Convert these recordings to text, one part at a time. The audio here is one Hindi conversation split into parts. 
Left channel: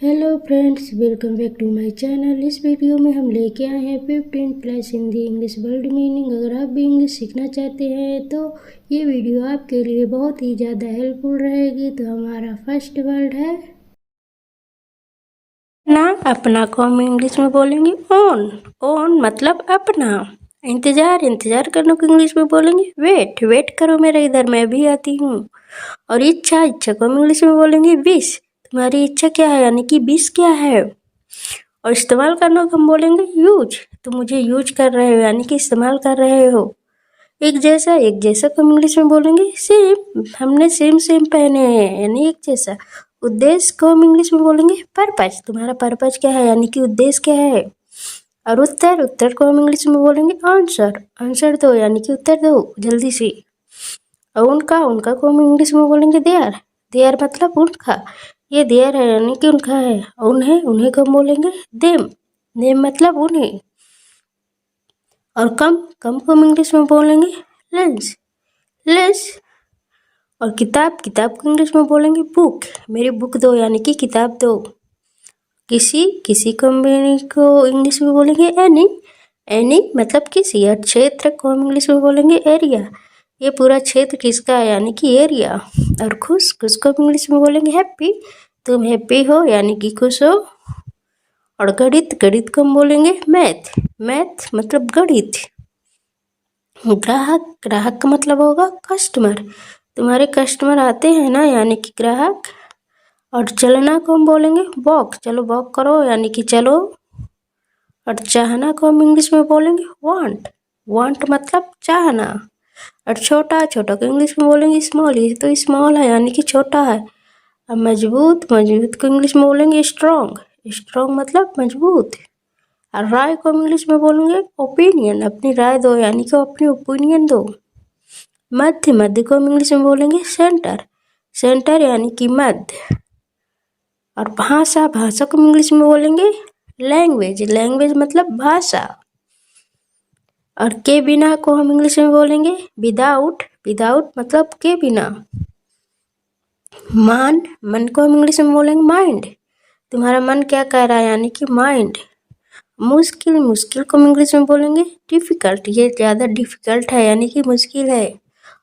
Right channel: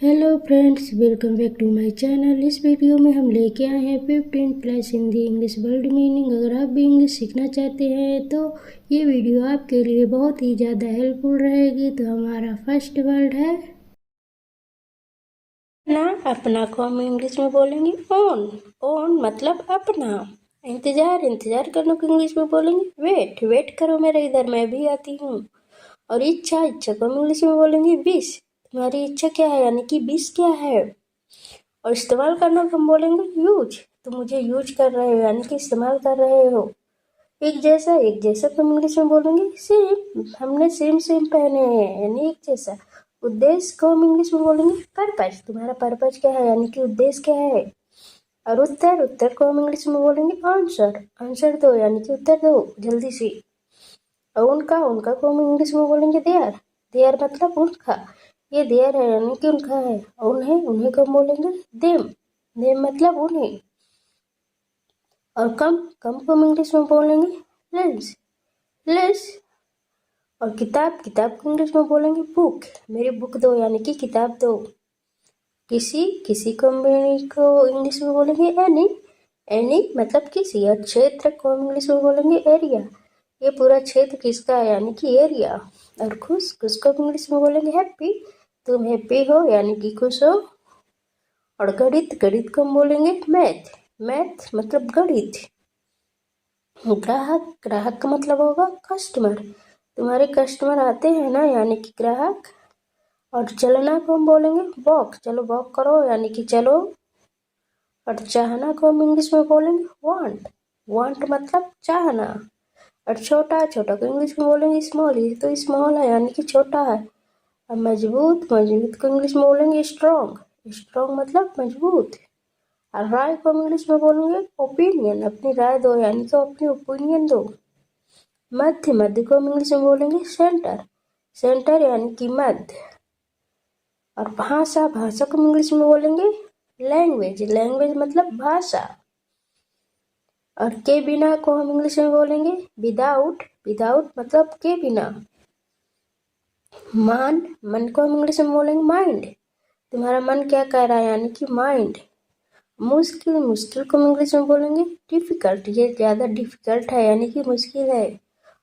Hello friends, welcome back to my channel. इस वीडियो में हम लेके आए हैं 15+ हिंदी इंग्लिश वर्ड मीनिंग। अगर आप भी इंग्लिश सीखना चाहते हैं तो ये वीडियो आपके लिए बहुत ही ज़्यादा हेल्पफुल रहेगी। तो हमारा फर्स्ट वर्ड है ना। अपना को हम इंग्लिश में बोलेंगे ओन। ओन मतलब अपना। इंतजार करने को इंग्लिश में बोलेंगे वेट। वेट करो मेरा, इधर मैं भी आती हूँ। और इच्छा को हम इंग्लिश में बोलेंगे विश। तुम्हारी इच्छा क्या है, यानी कि विश क्या है। और इस्तेमाल करना को हम बोलेंगे यूज। तुम मुझे यूज कर रहे हो, यानी कि इस्तेमाल कर रहे हो। एक जैसा को हम इंग्लिश में बोलेंगे सेम। हमने सेम पहने हैं, यानी एक जैसा। उद्देश्य को हम इंग्लिश में बोलेंगे पर्पज। तुम्हारा पर्पज क्या है, यानी कि उद्देश्य क्या है। और उत्तर को हम इंग्लिश में बोलेंगे आंसर। आंसर दो, यानी कि उत्तर दो जल्दी से। और उनका को हम इंग्लिश में बोलेंगे देयर। देयर मतलब उनका। ये देयर है, यानी कि उनका है। उन्हें को हम बोलेंगे देम। देम मतलब उन्हें। और कम को हम इंग्लिश में बोलेंगे लेंस। लेस। और किताब को इंग्लिश में बोलेंगे बुक। मेरी बुक दो, यानी कि किताब दो। किसी कंपनी को इंग्लिश में बोलेंगे एनी। एनी मतलब किसी। और क्षेत्र को हम इंग्लिश में बोलेंगे एरिया। ये पूरा क्षेत्र किसका है, यानी कि एरिया। और खुश को हम इंग्लिश में बोलेंगे हैप्पी। तुम हैप्पी हो, यानी कि खुश हो। और गणित को हम बोलेंगे मैथ। मैथ मतलब गणित। ग्राहक का मतलब होगा कस्टमर। तुम्हारे कस्टमर आते हैं ना, यानी कि ग्राहक। और चलना को हम बोलेंगे वॉक। चलो वॉक करो, यानी कि चलो। और चाहना को हम इंग्लिश में बोलेंगे वांट। वांट मतलब चाहना। और छोटा को इंग्लिश में बोलेंगे स्मॉल। ये तो स्मॉल है, यानी कि छोटा है। और मजबूत को इंग्लिश में बोलेंगे स्ट्रॉन्ग। स्ट्रॉन्ग मतलब मजबूत। और राय को इंग्लिश में बोलेंगे ओपिनियन। अपनी राय दो, यानी कि अपनी ओपिनियन दो। मध्य को हम इंग्लिश में बोलेंगे सेंटर। सेंटर यानी कि मध्य। और भाषा को हम इंग्लिश में बोलेंगे लैंग्वेज। लैंग्वेज मतलब भाषा। और के बिना को हम इंग्लिश में बोलेंगे विदाउट। विदाउट मतलब के बिना। मन को हम इंग्लिश में बोलेंगे माइंड। तुम्हारा मन क्या कह रहा है, यानी कि माइंड। मुश्किल को हम इंग्लिश में बोलेंगे डिफिकल्ट। ये ज़्यादा डिफिकल्ट है, यानी कि मुश्किल है।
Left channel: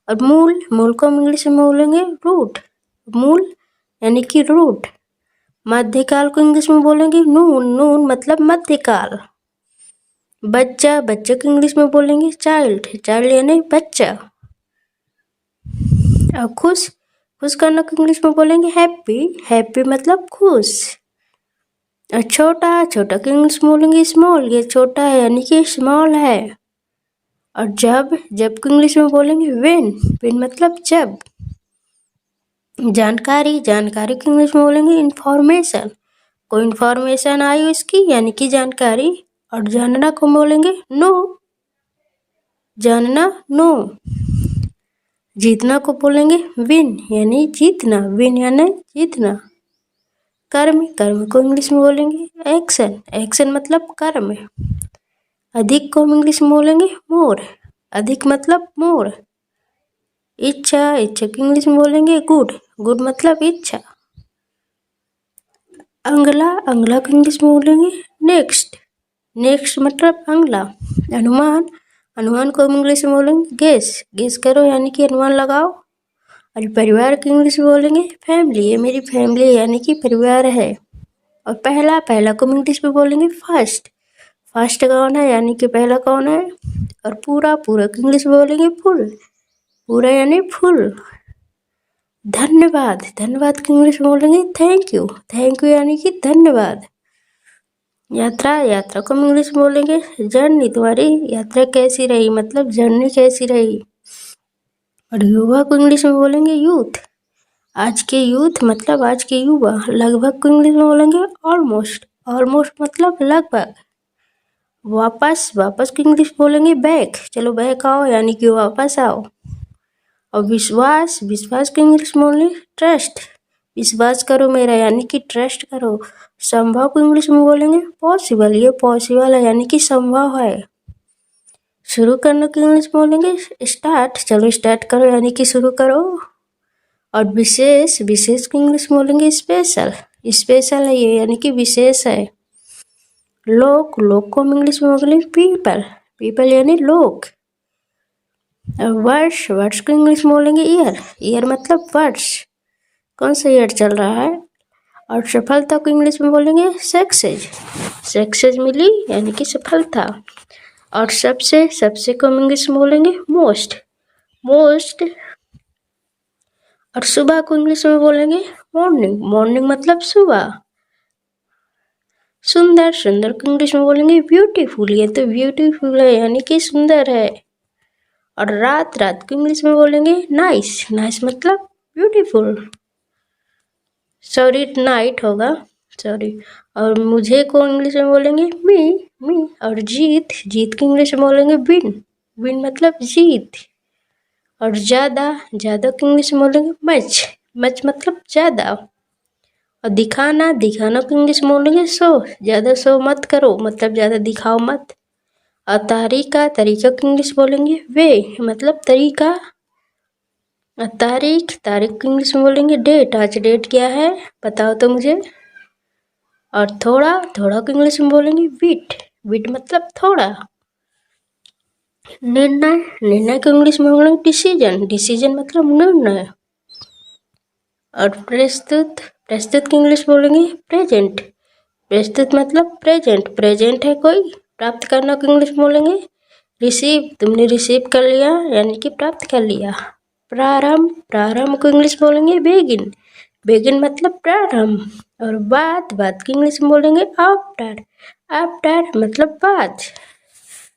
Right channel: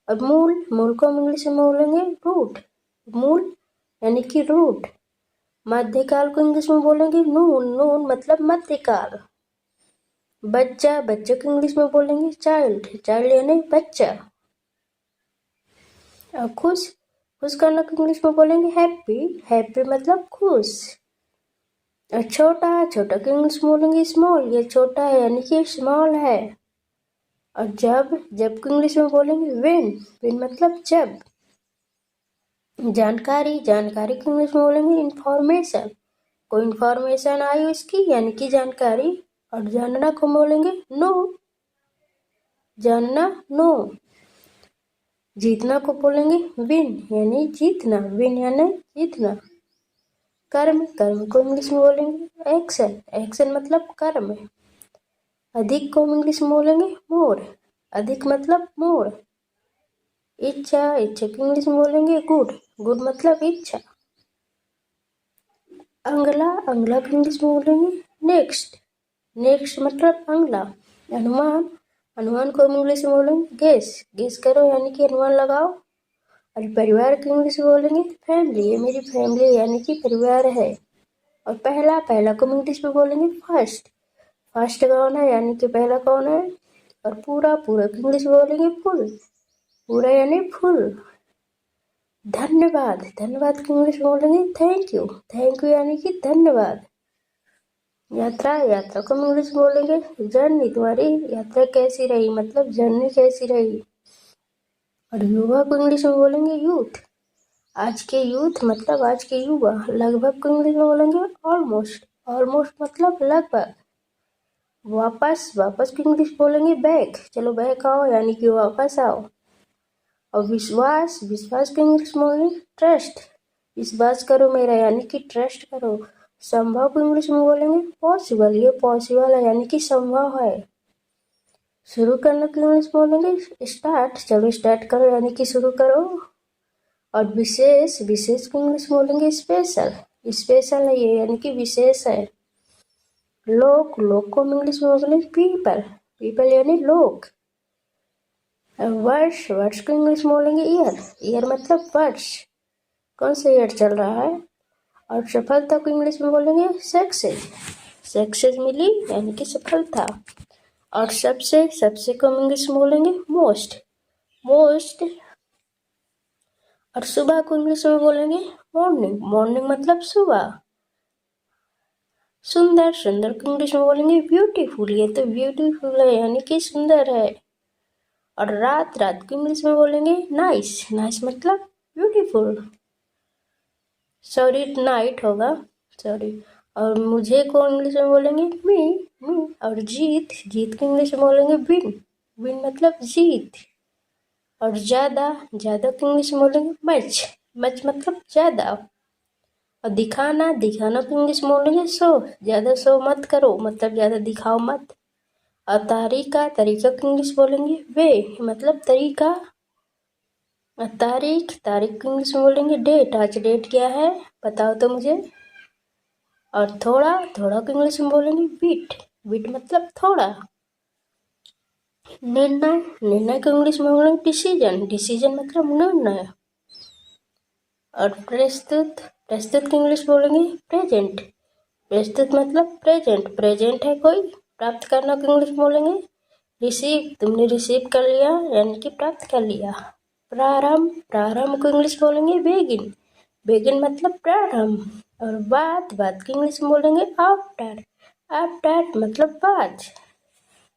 और मूल को हम इंग्लिश में बोलेंगे रूट। मूल यानी कि रूट। मध्यकाल को इंग्लिश में बोलेंगे नून मतलब मध्यकाल। बच्चा को इंग्लिश में बोलेंगे चाइल्ड। चाइल्ड यानी बच्चा। और खुश करने को इंग्लिश में बोलेंगे हैप्पी। हैप्पी मतलब खुश। और छोटा को इंग्लिश में बोलेंगे स्मॉल। ये छोटा है, यानी कि स्मॉल है। और जब को इंग्लिश में बोलेंगे वेन मतलब जब। जानकारी को इंग्लिश में बोलेंगे इंफॉर्मेशन। कोई इंफॉर्मेशन आई उसकी, यानी कि जानकारी। और जानना को बोलेंगे नो। जानना नो। जीतना को बोलेंगे विन, यानी जीतना। विन यानी जीतना। कर्म को इंग्लिश में बोलेंगे एक्शन। एक्शन मतलब कर्म। अधिक को हम इंग्लिश में बोलेंगे मोर। अधिक मतलब मोर। इच्छा को इंग्लिश में बोलेंगे गुड। गुड मतलब इच्छा। अंगला को इंग्लिश में बोलेंगे नेक्स्ट। नेक्स्ट मतलब अगला। अनुमान को हम इंग्लिश में बोलेंगे गेस करो, यानी कि अनुमान लगाओ। और परिवार को इंग्लिश में बोलेंगे फैमिली। ये मेरी फैमिली, यानी कि परिवार है। और पहला को हम इंग्लिश में बोलेंगे फर्स्ट। फर्स्ट कौन है, यानी कि पहला कौन है। और पूरा को इंग्लिश में बोलेंगे फुल। पूरा यानी फुल। धन्यवाद को इंग्लिश में बोलेंगे थैंक यू। थैंक यू यानी कि धन्यवाद। यात्रा को हम इंग्लिश में बोलेंगे जर्नी। तुम्हारी यात्रा कैसी रही, मतलब जर्नी कैसी रही। और युवा को इंग्लिश में बोलेंगे यूथ। आज के यूथ मतलब आज के युवा। लगभग को इंग्लिश में बोलेंगे ऑलमोस्ट। ऑलमोस्ट मतलब लगभग। वापस को इंग्लिश बोलेंगे बैक। चलो बैक आओ, यानी कि वापस आओ। और विश्वास को इंग्लिश में बोलेंगे ट्रस्ट। विश्वास करो मेरा, यानी कि ट्रस्ट करो। संभव को इंग्लिश में बोलेंगे पॉसिबल। ये पॉसिबल है, यानी कि संभव है। शुरू करने को इंग्लिश में बोलेंगे स्टार्ट। चलो स्टार्ट करो, यानी कि शुरू करो। और विशेष को इंग्लिश में बोलेंगे स्पेशल। स्पेशल है ये, यानी कि विशेष है। लोग, लोग को हम इंग्लिश में बोलेंगे पीपल, पीपल यानी लोग। वर्ष, वर्ष को इंग्लिश में बोलेंगे ईयर, ईयर मतलब वर्ष, कौन सा ईयर चल रहा है। और सफलता को इंग्लिश में बोलेंगे सक्सेस, सक्सेस मिली यानी कि सफलता। और सबसे, सबसे को हम इंग्लिश में बोलेंगे मोस्ट, मोस्ट। और सुबह को इंग्लिश में बोलेंगे मॉर्निंग, मॉर्निंग मतलब सुबह। सुंदर, सुंदर को इंग्लिश में बोलेंगे ब्यूटीफुल, ये तो ब्यूटीफुल है यानी कि सुंदर है। और रात, रात को इंग्लिश में बोलेंगे नाइस, नाइस मतलब ब्यूटीफुल। सॉरी नाइट होगा, सॉरी। और मुझे को इंग्लिश में बोलेंगे मी, मी। और जीत, जीत की इंग्लिश में बोलेंगे विन, विन मतलब जीत। और ज़्यादा, ज़्यादा की इंग्लिश में बोलेंगे मच, मच मतलब ज़्यादा। और दिखाना, दिखाना को इंग्लिश में बोलेंगे शो, ज़्यादा शो मत करो मतलब ज़्यादा दिखाओ मत। और तरीका, तरीका की इंग्लिश बोलेंगे वे मतलब तरीका। तारीख, तारीख की इंग्लिश में बोलेंगे डेट, आज डेट क्या है बताओ तो मुझे। और थोड़ा, थोड़ा को इंग्लिश में बोलेंगे विट, विट मतलब थोड़ा। निर्णय, निर्णय को इंग्लिश में बोलेंगे डिसीजन, डिसीजन मतलब निर्णय। और प्रस्तुत, प्रस्तुत की इंग्लिश बोलेंगे प्रेजेंट, प्रस्तुत मतलब प्रेजेंट, प्रेजेंट है कोई। प्राप्त करना को इंग्लिश में बोलेंगे रिसीव, तुमने रिसीव कर लिया यानी कि प्राप्त कर लिया। प्रारंभ, प्रारंभ को इंग्लिश बोलेंगे बेगिन, बेगिन मतलब प्रारंभ। और बाद, बाद की इंग्लिश में बोलेंगे आफ्टर, आफ्टर मतलब बाद।